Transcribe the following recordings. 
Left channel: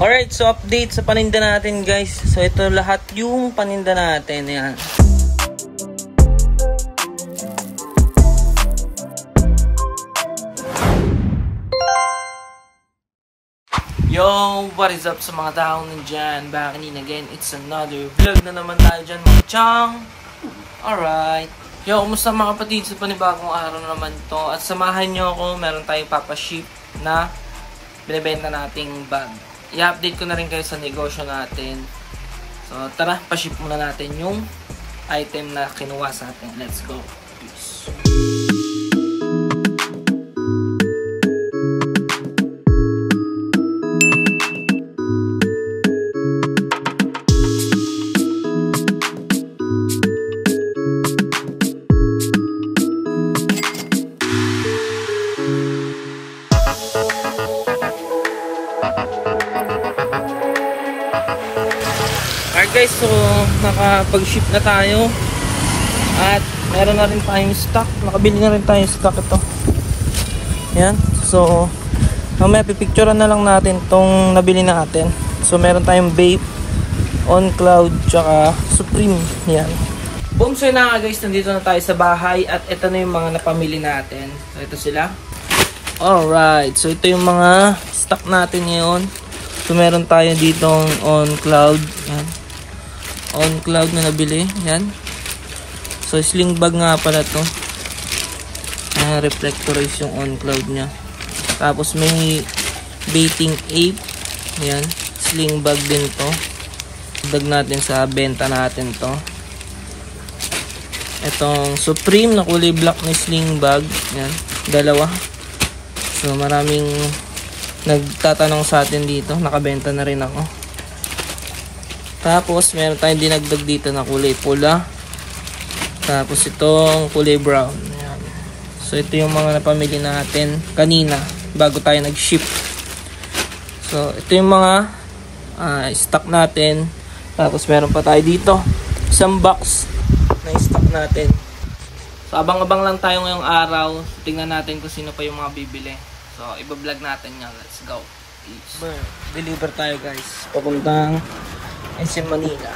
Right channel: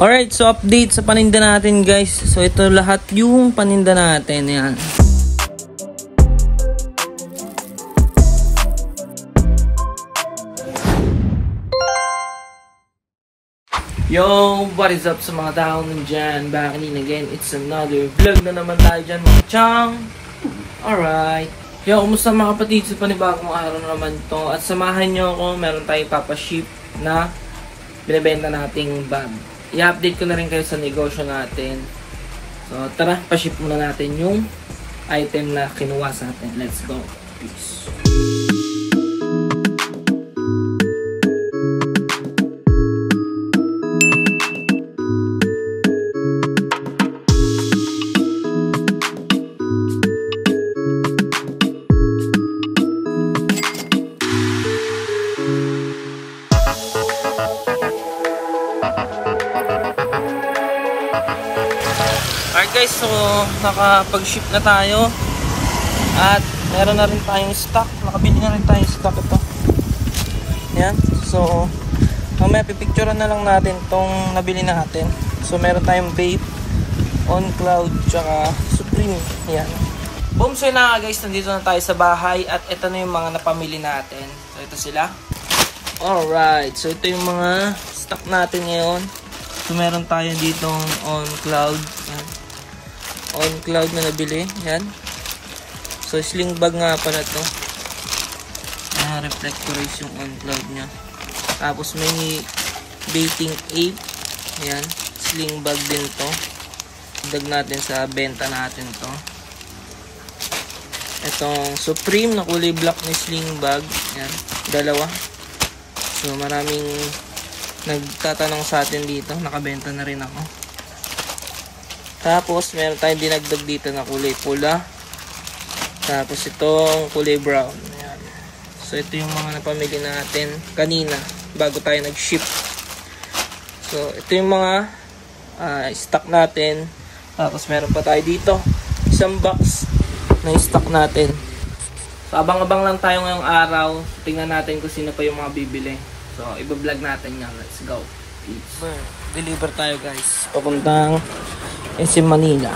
Alright, so update sa paninda natin guys. So ito lahat yung paninda natin. Ayan. Yo, what is up sa mga tao nandyan? Back in again, it's another vlog na naman tayo dyan mga chang. Alright. Yo, kumusta mga kapatid sa panibagong araw naman to. At samahan nyo ako, meron tayong papaship na binibenta nating bag. I-update ko na rin kayo sa negosyo natin. So tara, pa-ship muna natin yung item na kinuha sa atin. Let's go. Peace. Alright guys, so nakapag-ship na tayo at meron na rin tayong stock, nakabili na rin tayong stock ito. Yan, so mamaya pipicturean na lang natin tong nabili natin. So meron tayong Bape, On Cloud, tsaka Supreme. Yan. Boom, so na guys, nandito na tayo sa bahay at ito na yung mga napamili natin. So ito sila. Alright, so ito yung mga stock natin ngayon. So meron tayo ditong On Cloud. Yan. On Cloud na nabili. Yan. So sling bag nga pala to. Reflectorize yung On Cloud nya. Tapos may baiting ape. Yan. Sling bag din to. Dag natin sa benta natin to. Itong Supreme na kulay black na sling bag. Yan. Dalawa. So maraming nagtatanong sa atin dito. Nakabenta na rin ako. Tapos meron tayong dinagdag dito na kulay pula. Tapos ito ang kulay brown. Ayan. So ito yung mga napamili natin kanina bago tayo nag-ship. So ito yung mga stock natin. Tapos meron pa tayo dito isang box na stock natin. So abang-abang lang tayo ngayong araw. Tingnan natin kung sino pa yung mga bibili. So iba-vlog natin yan. Let's go. Deliver tayo guys. Papuntang SM Manila.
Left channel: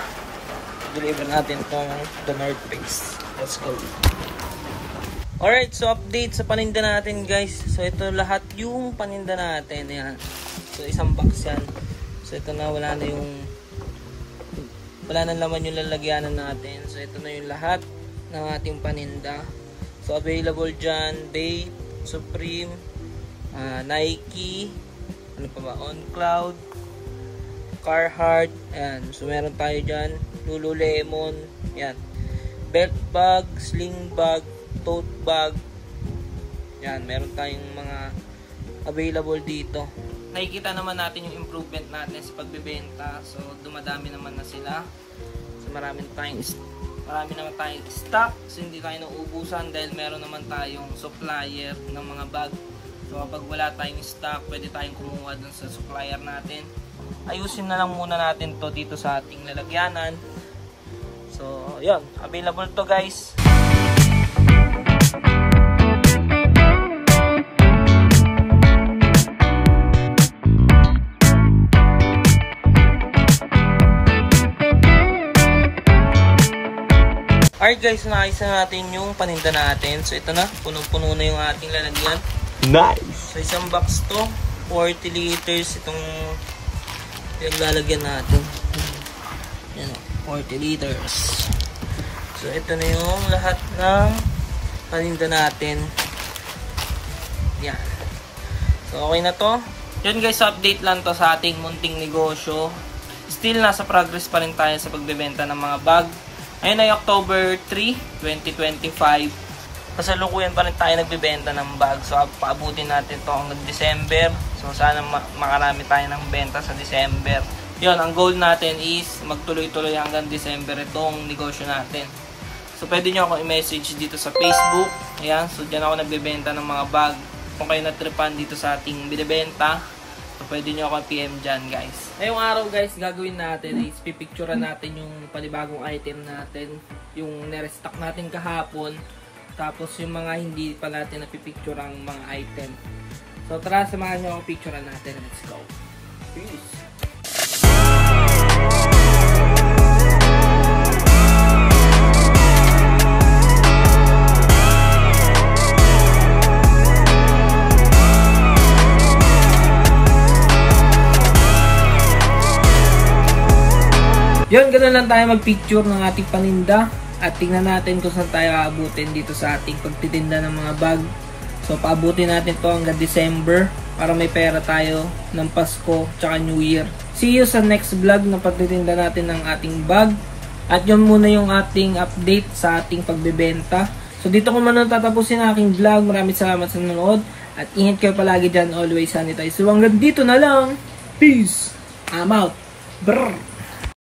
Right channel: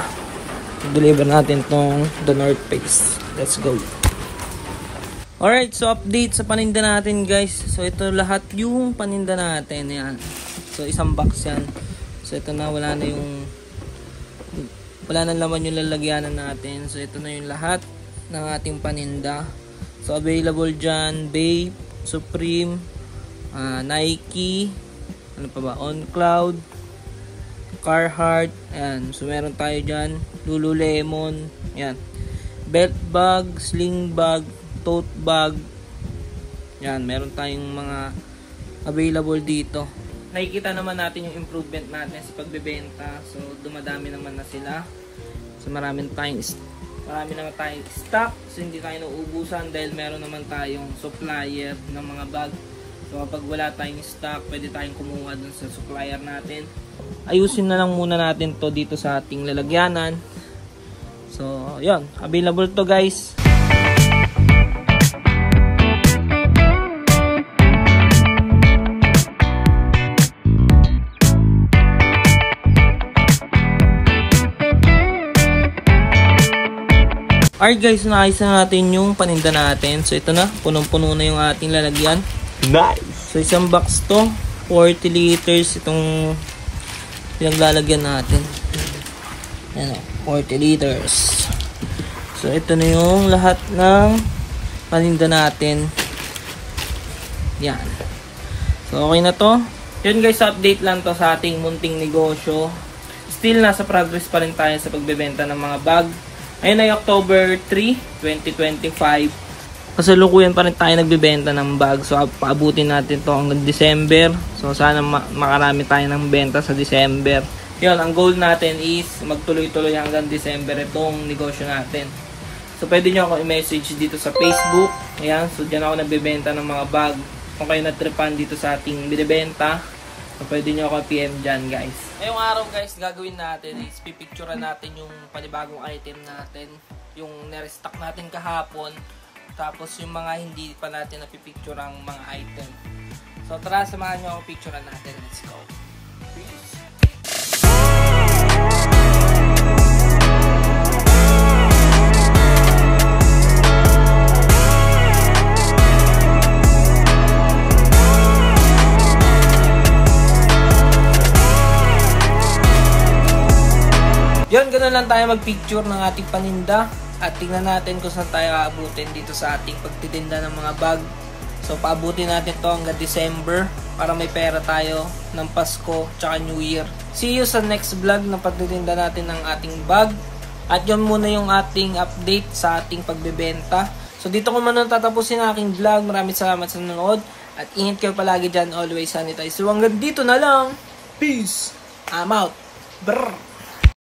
Deliver natin itong The North Face. Let's go. Alright, so update sa paninda natin guys. So ito lahat yung paninda natin. Yan. So isang box yan. So ito na, wala na laman yung lalagyanan natin. So ito na yung lahat ng ating paninda. So available dyan Bape, Supreme, Nike, ano pa ba, On Cloud, Carhartt, ayan. So meron tayo dyan Lululemon, ayan, belt bag, sling bag, tote bag, ayan. Meron tayong mga available dito. Nakikita naman natin yung improvement natin sa pagbebenta. So dumadami naman na sila. So marami naman tayong stock. So hindi tayo nauubusan dahil meron naman tayong supplier ng mga bag. So kapag wala tayong stock, pwede tayong kumuha dun sa supplier natin. Ayusin na lang muna natin to dito sa ating lalagyanan. So yun, available to guys. Alright guys, naayos na natin yung paninda natin. So ito na, punong-puno na yung ating lalagyan. Nice! So isang box to, 40 liters itong pinaglalagyan natin. Ayan o, 40 liters. So ito na yung lahat ng paninda natin. Yan. So okay na to. Yun guys, update lang to sa ating munting negosyo. Still nasa progress pa rin tayo sa pagbebenta ng mga bag. Ayun ay October 3, 2025. Kasalukuyan pa rin tayo nagbebenta ng bag. So paabutin natin to hanggang December. So sana makarami tayo ng benta sa December. Yun, ang goal natin is magtuloy-tuloy hanggang December itong negosyo natin. So pwede nyo ako i-message dito sa Facebook. Ayan, so dyan ako nagbebenta ng mga bag. Kung kayo natripan dito sa ating binibenta, so pwede nyo ako PM dyan guys. Ngayong araw guys, gagawin natin is pipicturean natin yung panibagong item natin. Yung nirestock natin kahapon. Tapos yung mga hindi pa natin napipicture ang mga item. So tara, samahan nyo ako picturean natin. Let's go. Peace. na lang tayo mag-picture ng ating paninda at tingnan natin kung saan tayo aabutin dito sa ating pagtitinda ng mga bag. So paabutin natin to hanggang December para may pera tayo ng Pasko tsaka New Year. See you sa next vlog na pagtitinda natin ng ating bag. At yun muna yung ating update sa ating pagbebenta. So dito ko muna tatapusin ang aking vlog. Maraming salamat sa nanonood. At ingat kayo palagi dyan. Always sanitize. So hanggang dito na lang. Peace. I'm out. Brr.